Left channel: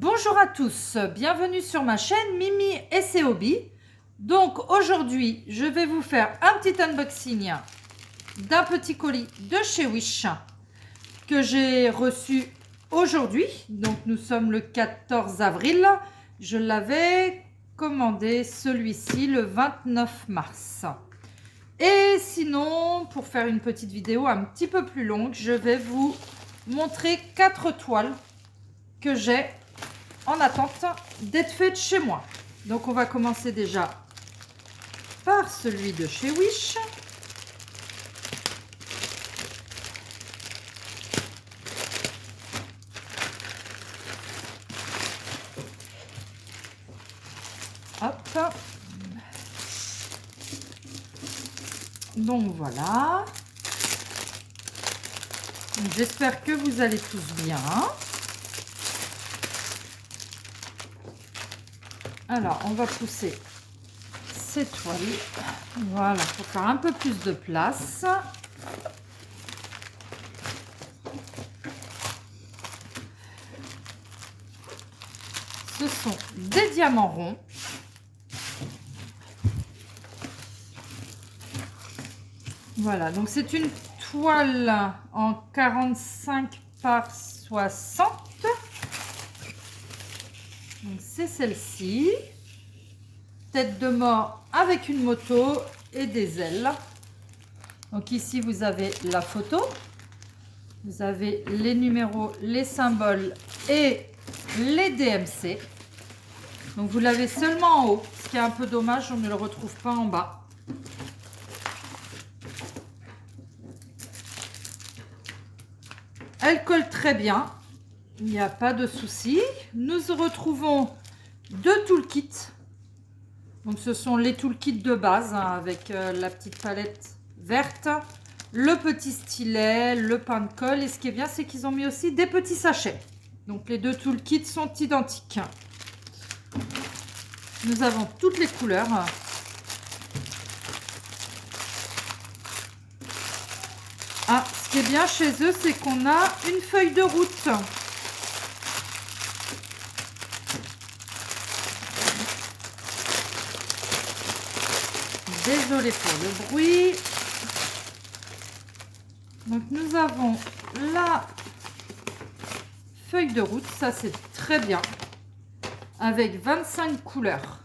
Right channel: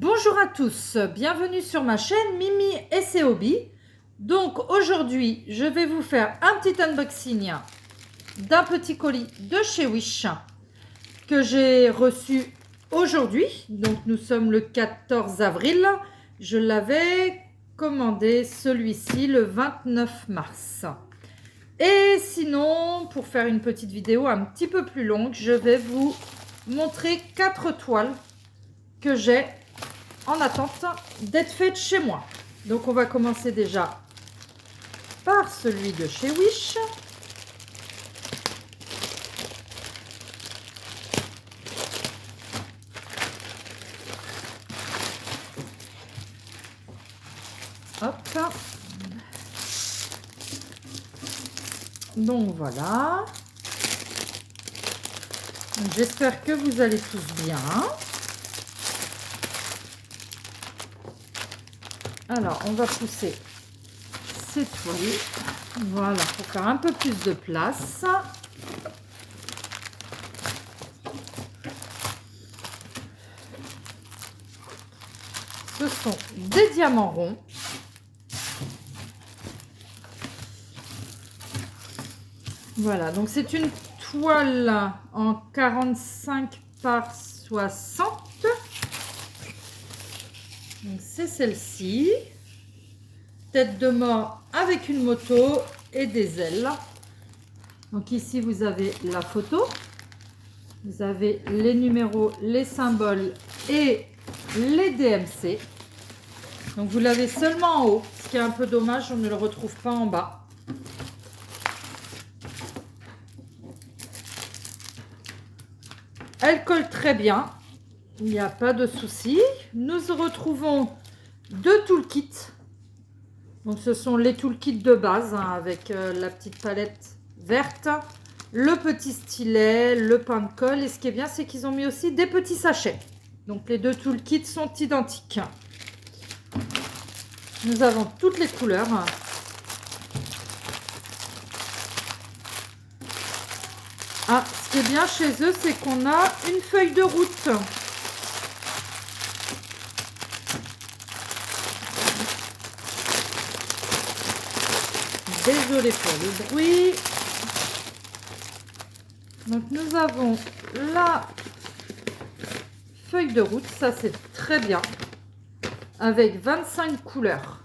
Bonjour à tous, bienvenue sur ma chaîne Mimi et ses hobbies. Donc aujourd'hui, je vais vous faire un petit unboxing d'un petit colis de chez Wish que j'ai reçu aujourd'hui. Donc nous sommes le 14 avril. Je l'avais commandé celui-ci le 29 mars. Et sinon, pour faire une petite vidéo un petit peu plus longue, je vais vous montrer 4 toiles que j'ai en attente d'être faites chez moi. Donc on va commencer déjà par celui de chez Wish. Hop. Donc voilà. J'espère que vous allez tous bien. Alors, on va pousser ces toiles. Voilà, pour faire un peu plus de place. Ce sont des diamants ronds. Voilà, donc c'est une toile en 45 par 60. C'est celle-ci. Tête de mort avec une moto et des ailes. Donc ici, vous avez la photo. Vous avez les numéros, les symboles et les DMC. Donc vous l'avez seulement en haut, ce qui est un peu dommage, on ne le retrouve pas en bas. Elle colle très bien, il n'y a pas de souci. Nous retrouvons deux toolkits. Donc ce sont les toolkits de base avec la petite palette verte, le petit stylet, le pain de colle. Et ce qui est bien, c'est qu'ils ont mis aussi des petits sachets. Donc les deux toolkits sont identiques. Nous avons toutes les couleurs. Ah, ce qui est bien chez eux, c'est qu'on a une feuille de route. Désolée pour le bruit. Donc nous avons la feuille de route, ça c'est très bien, avec 25 couleurs.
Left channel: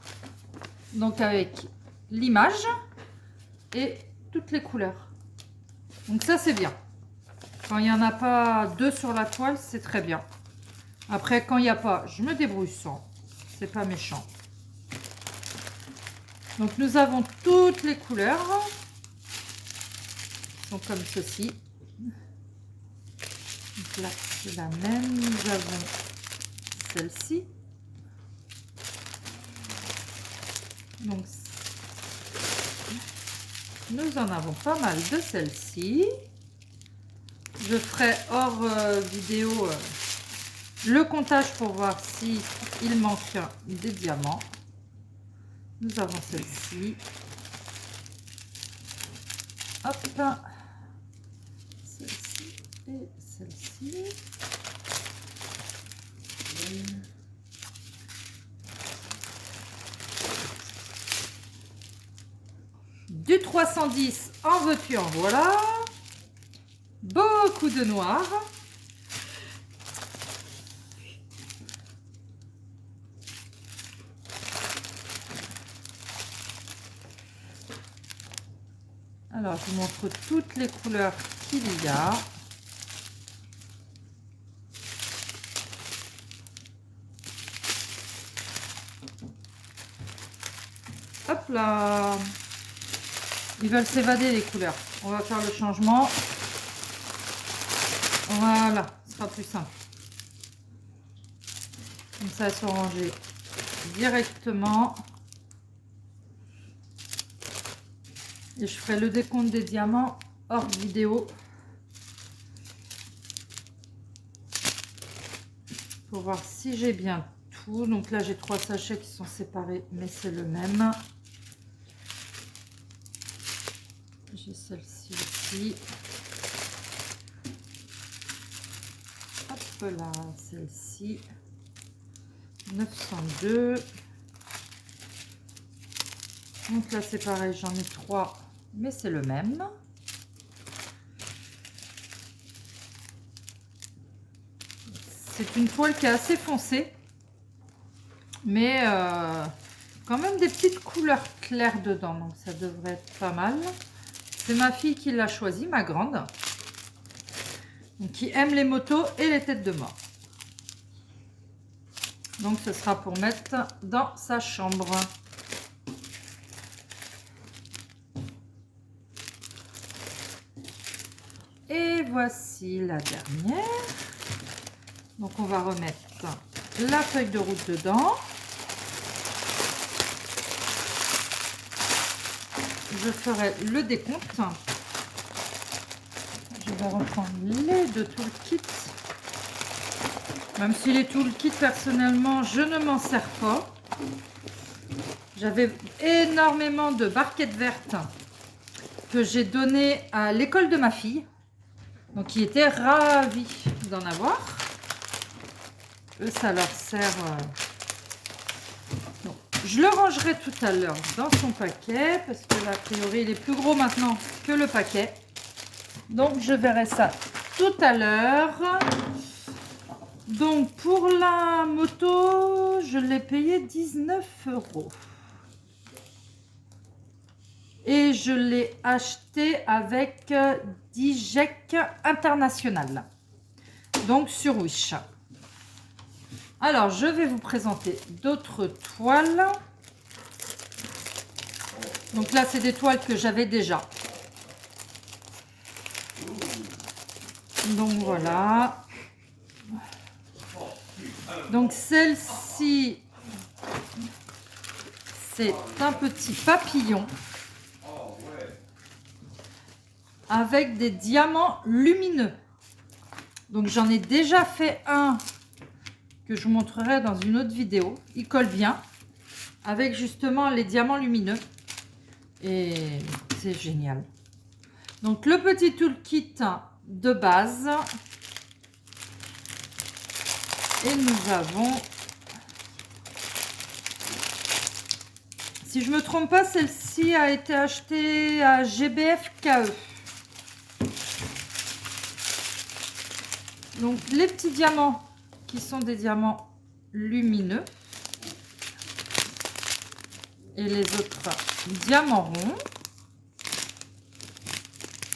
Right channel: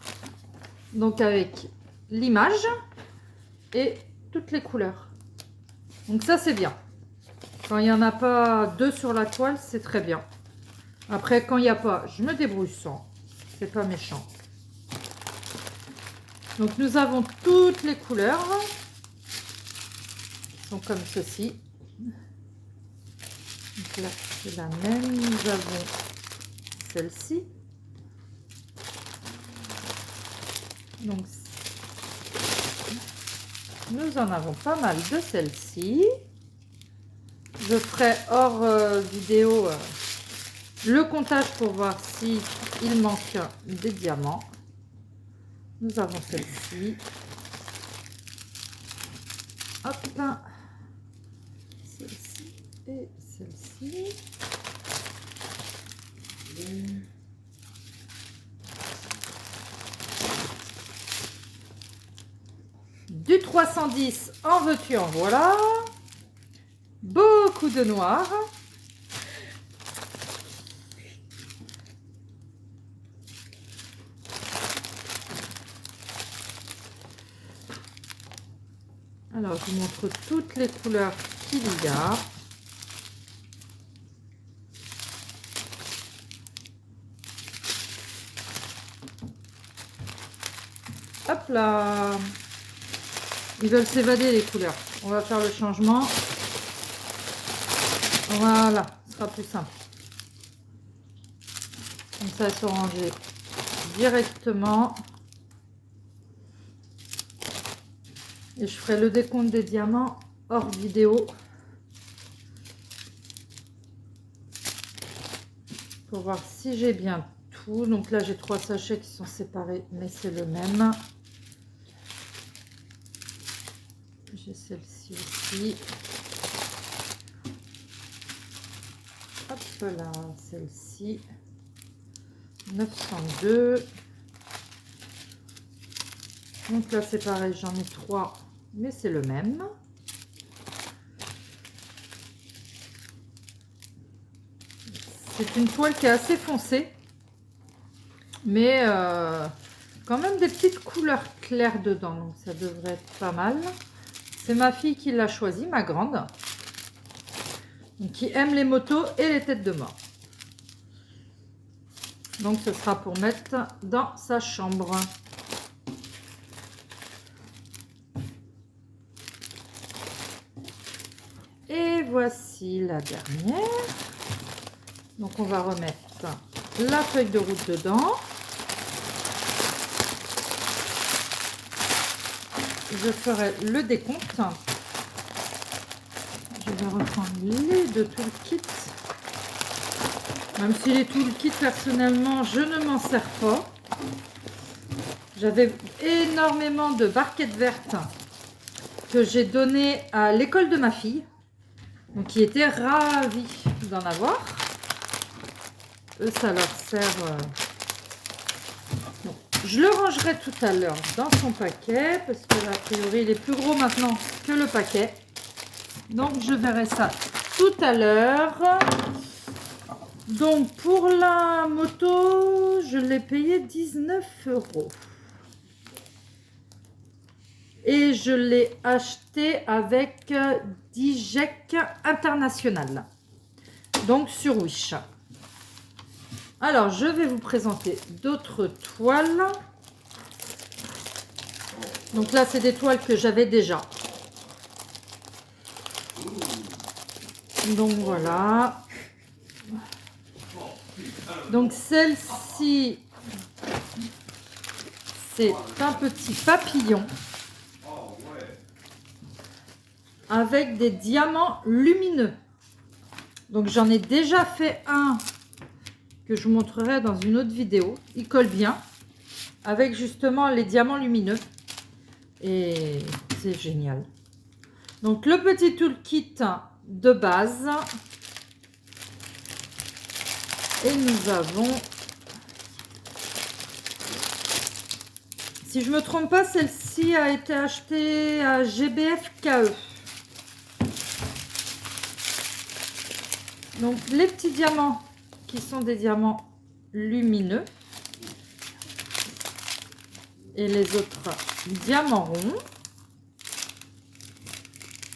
Donc avec l'image et toutes les couleurs. Donc ça c'est bien. Quand il n'y en a pas deux sur la toile, c'est très bien. Après quand il n'y a pas, je me débrouille sans. C'est pas méchant. Donc nous avons toutes les couleurs. Qui sont comme ceci. Donc là c'est la même. Nous avons celle-ci. Donc nous en avons pas mal de celle-ci. Je ferai hors vidéo le comptage pour voir si il manque des diamants. Nous avons celle-ci. Hop. Celle-ci et celle-ci. Du 310 en veux-tu en voilà. Beaucoup de noir. Alors, je vous montre toutes les couleurs qu'il y a. Hop là! Ils veulent s'évader les couleurs. On va faire le changement. Voilà, ce sera plus simple. Comme ça, elles sont rangées directement. Et je ferai le décompte des diamants hors vidéo. Pour voir si j'ai bien tout. Donc là, j'ai 3 sachets qui sont séparés, mais c'est le même. J'ai celle-ci aussi. Hop là, celle-ci. 902. Donc là c'est pareil, j'en ai 3, mais c'est le même. C'est une toile qui est assez foncée, mais quand même des petites couleurs claires dedans, donc ça devrait être pas mal. C'est ma fille qui l'a choisi, ma grande, donc qui aime les motos et les têtes de mort. Donc ce sera pour mettre dans sa chambre. Et voici la dernière. Donc on va remettre la feuille de route dedans. Je ferai le décompte. Je vais reprendre les deux toolkits. Même si les toolkits, personnellement, je ne m'en sers pas. J'avais énormément de barquettes vertes que j'ai données à l'école de ma fille. Donc, qui était ravie d'en avoir. Eux, ça leur sert... Bon, je le rangerai tout à l'heure dans son paquet. Parce que, a priori, il est plus gros maintenant que le paquet. Donc, je verrai ça tout à l'heure. Donc, pour la moto, je l'ai payé 19 €. Et je l'ai acheté avec Dijek International. Donc, sur Wish. Alors, je vais vous présenter d'autres toiles. Donc là, c'est des toiles que j'avais déjà. Donc, voilà. Donc celle-ci, c'est un petit papillon avec des diamants lumineux. Donc j'en ai déjà fait un que je vous montrerai dans une autre vidéo. Il colle bien avec justement les diamants lumineux et c'est génial. Donc le petit toolkit de base. Et nous avons, si je ne me trompe pas, celle-ci a été achetée à GBFKE. Donc les petits diamants qui sont des diamants lumineux. Et les autres diamants ronds.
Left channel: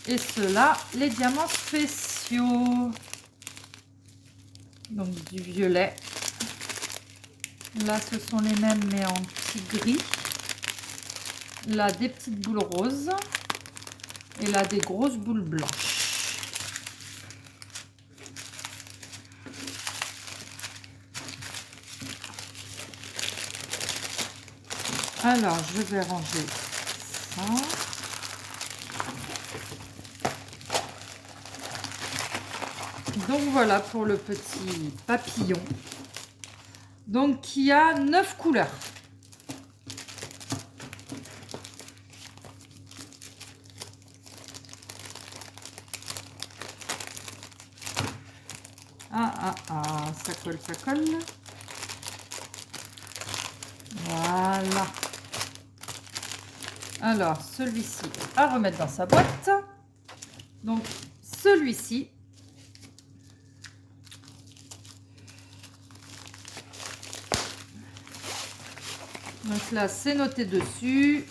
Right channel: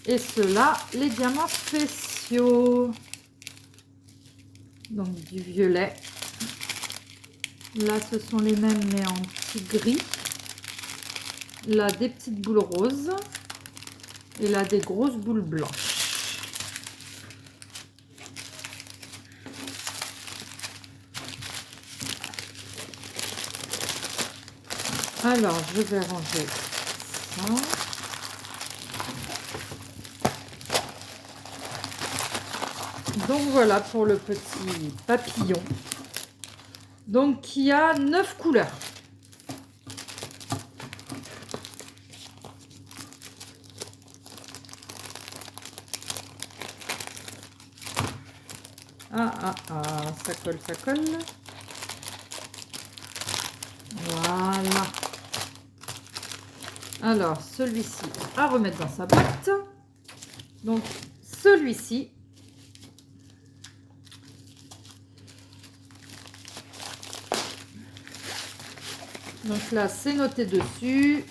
Et ceux-là, les diamants spéciaux. Donc du violet. Là, ce sont les mêmes, mais en petit gris. Là, des petites boules roses. Et là, des grosses boules blanches. Alors, je vais ranger ça. Donc voilà pour le petit papillon. Donc qui a 9 couleurs. Ça colle, ça colle. Voilà. Alors celui-ci à remettre dans sa boîte. Donc celui-ci. Donc là, c'est noté dessus.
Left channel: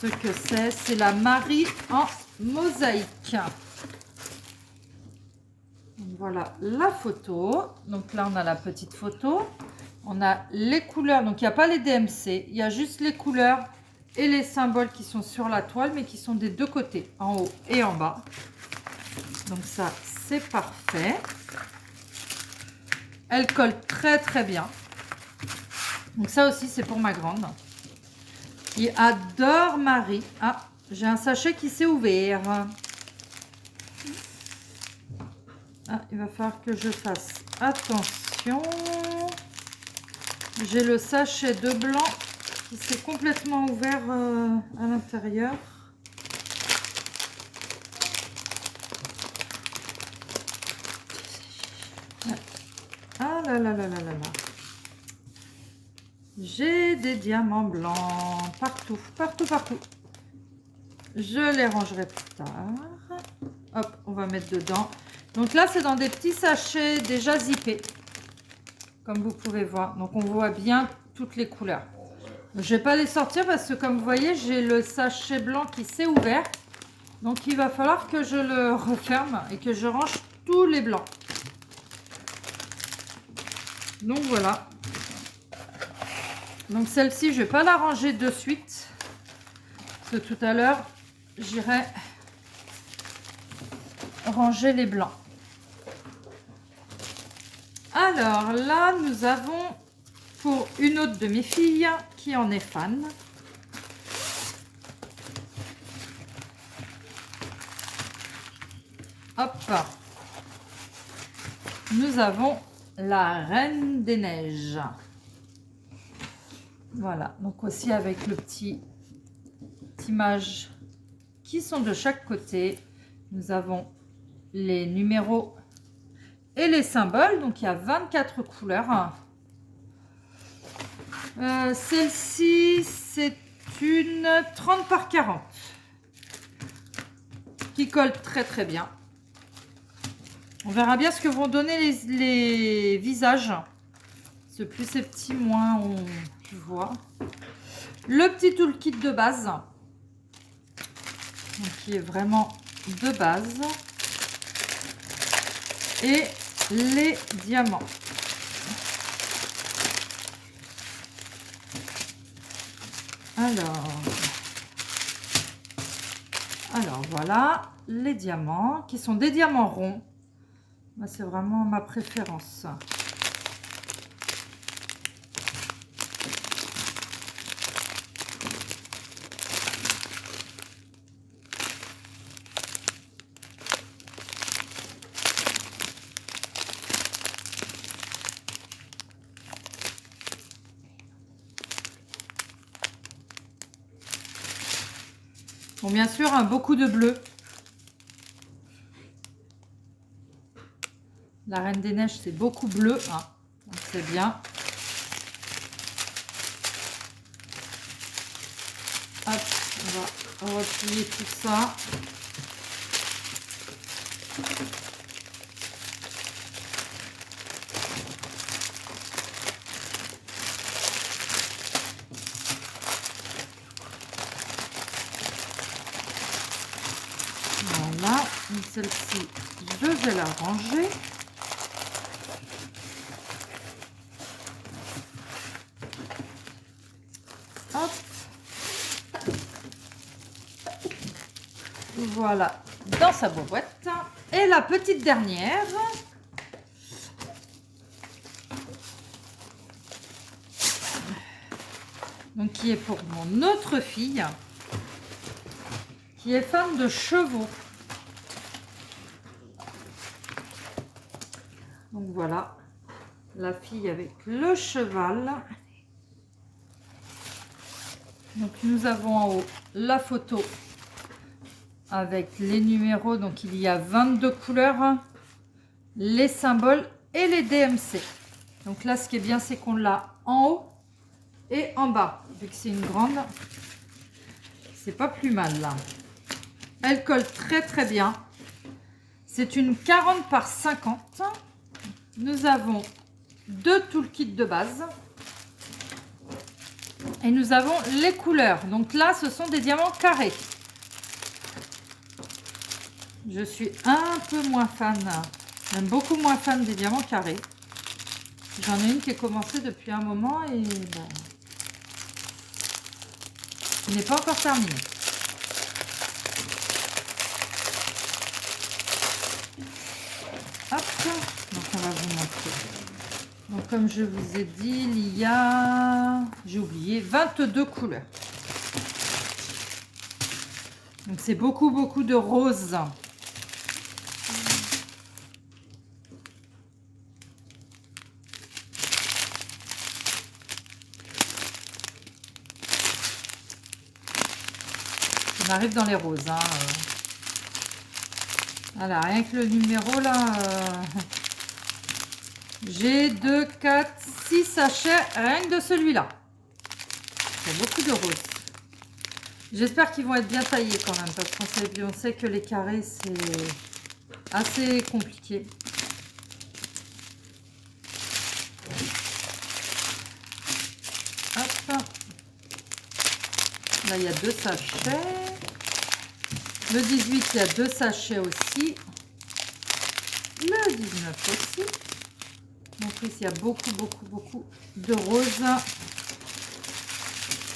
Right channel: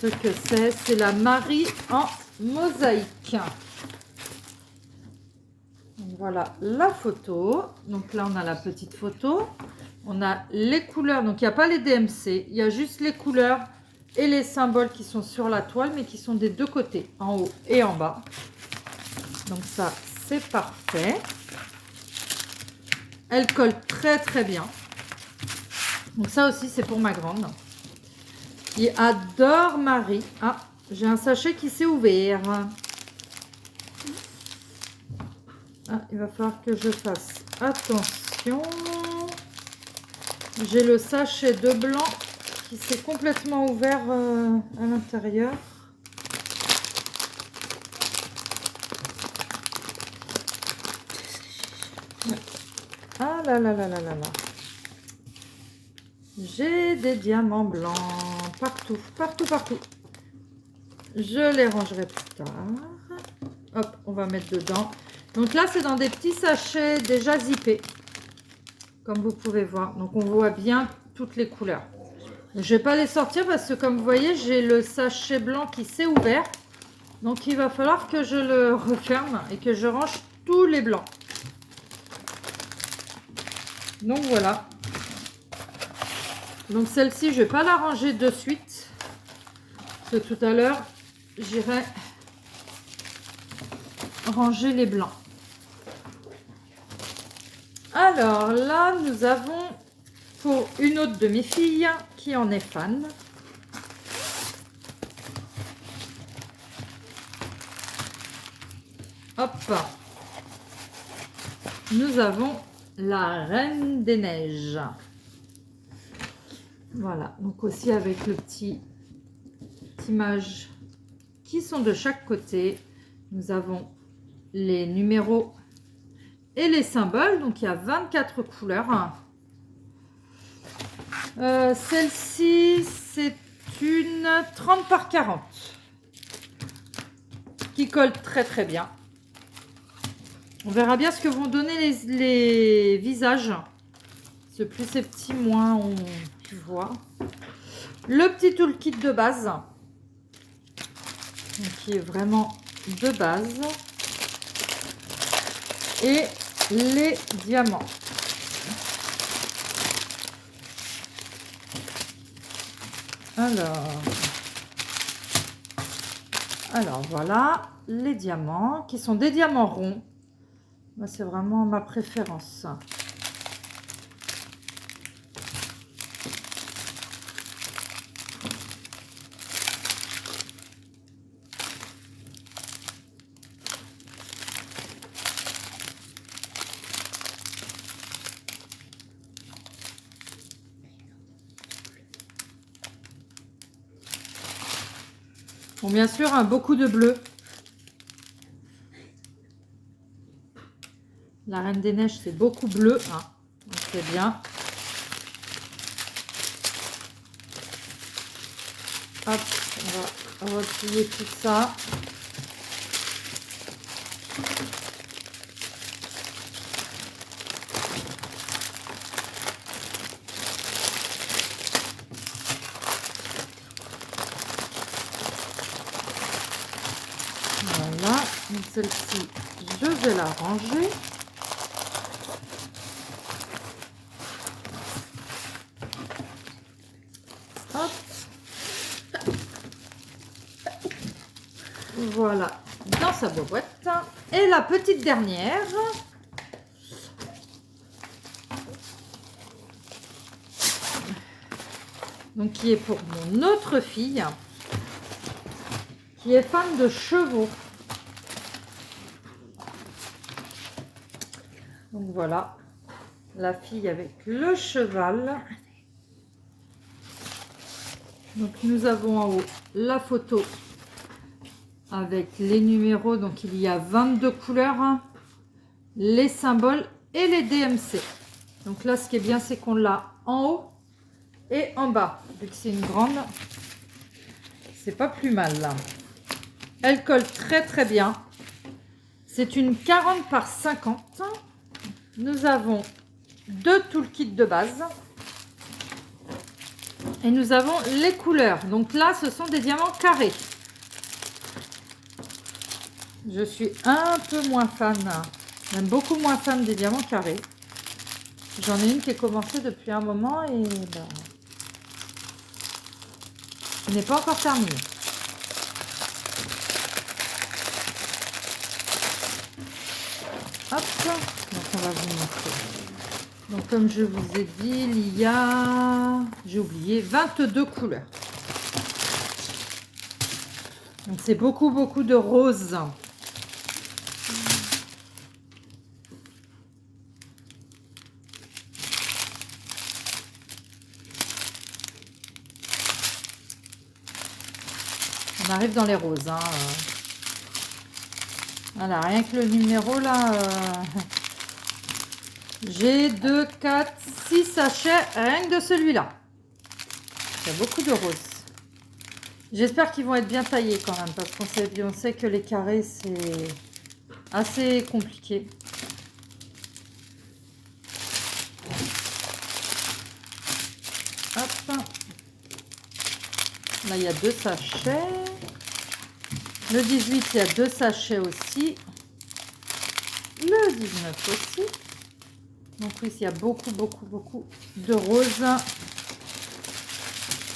Ce que c'est la Marie en mosaïque. Donc voilà la photo. Donc là, on a la petite photo. On a les couleurs. Donc, il n'y a pas les DMC. Il y a juste les couleurs et les symboles qui sont sur la toile, mais qui sont des deux côtés, en haut et en bas. Donc ça, c'est parfait. Elle colle très, très bien. Donc ça aussi, c'est pour ma grande, qui adore Marie. Ah, j'ai un sachet qui s'est ouvert. Ah, il va falloir que je fasse attention. J'ai le sachet de blanc qui s'est complètement ouvert à l'intérieur. Ah là là là là là là. J'ai des diamants blancs partout, partout, partout. Je les rangerai plus tard. Hop, on va mettre dedans. Donc là, c'est dans des petits sachets déjà zippés, comme vous pouvez voir. Donc on voit bien toutes les couleurs. Je ne vais pas les sortir parce que comme vous voyez, j'ai le sachet blanc qui s'est ouvert. Donc il va falloir que je le referme et que je range tous les blancs. Donc voilà. Donc celle-ci, je ne vais pas la ranger de suite. Parce que tout à l'heure, j'irai ranger les blancs. Alors là, nous avons pour une autre de mes filles qui en est fan. Hop. Nous avons la Reine des Neiges. Voilà, donc aussi avec le petit images qui sont de chaque côté. Nous avons les numéros et les symboles. Donc il y a 24 couleurs. Celle-ci, c'est une 30 par 40 qui colle très très bien. On verra bien ce que vont donner les visages. Ce plus c'est petit, moins on voit. Le petit toolkit de base, donc, qui est vraiment de base. Et les diamants. Alors voilà les diamants qui sont des diamants ronds. C'est vraiment ma préférence. Bon, bien sûr, hein, beaucoup de bleu. La Reine des Neiges, c'est beaucoup bleu. Hein, donc c'est bien. Hop, on va replier tout ça. Voilà, celle-ci, je vais la ranger. Hop. Voilà, dans sa boîte. Et la petite dernière. Donc, qui est pour mon autre fille, qui est fan de chevaux. Donc voilà, la fille avec le cheval. Donc nous avons en haut la photo avec les numéros. Donc il y a 22 couleurs, les symboles et les DMC. Donc là, ce qui est bien, c'est qu'on l'a en haut et en bas. Vu que c'est une grande, c'est pas plus mal là. Elle colle très très bien. C'est une 40 par 50. Nous avons deux toolkits de base. Et nous avons les couleurs. Donc là, ce sont des diamants carrés. Je suis un peu moins fan. Même beaucoup moins fan des diamants carrés. J'en ai une qui est commencée depuis un moment et ben, elle n'est pas encore terminée. Hop, donc on va vous montrer. Donc comme je vous ai dit, il y a, j'ai oublié, 22 couleurs. Donc c'est beaucoup de roses. On arrive dans les roses. Hein. Voilà, rien que le numéro là, J'ai 2, 4, 6 sachets rien que de celui-là. Il y a beaucoup de roses. J'espère qu'ils vont être bien taillés quand même, parce qu'on sait que les carrés, c'est assez compliqué. Hop. Là, il y a 2 sachets. Le 18, il y a 2 sachets aussi. Le 19 aussi. Donc ici, il y a beaucoup de roses.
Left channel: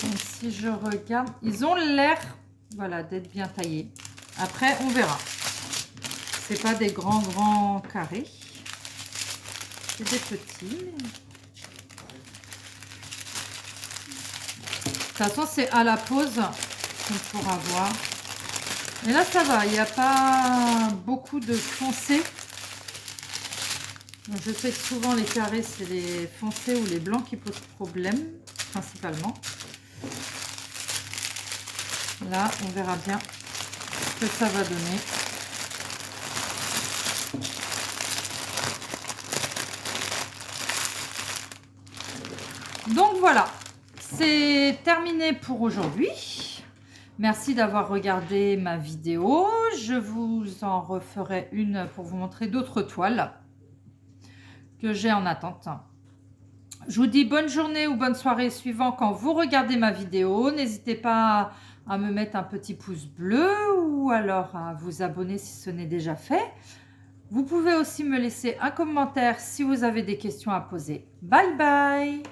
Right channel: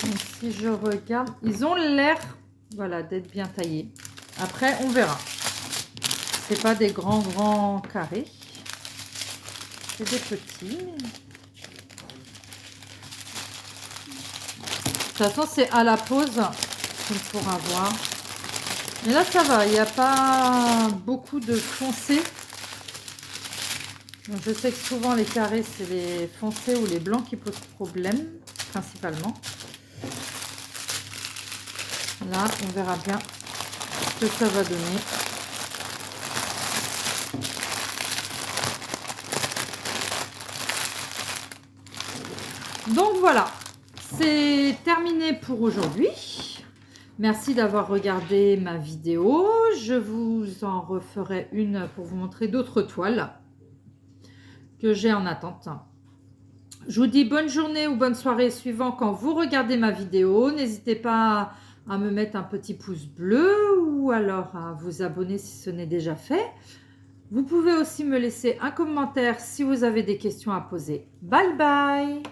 Donc, si je regarde, ils ont l'air, voilà, d'être bien taillés. Après, on verra. C'est pas des grands carrés. C'est des petits. De toute façon, c'est à la pause qu'on pourra voir. Mais là, ça va. Il n'y a pas beaucoup de foncé. Donc, je sais que souvent, les carrés, c'est les foncés ou les blancs qui posent problème, principalement. Là, on verra bien ce que ça va donner. Donc voilà, c'est terminé pour aujourd'hui. Merci d'avoir regardé ma vidéo. Je vous en referai une pour vous montrer d'autres toiles que j'ai en attente. Je vous dis bonne journée ou bonne soirée suivant quand vous regardez ma vidéo. N'hésitez pas à me mettre un petit pouce bleu ou alors à vous abonner si ce n'est déjà fait. Vous pouvez aussi me laisser un commentaire si vous avez des questions à poser. Bye bye!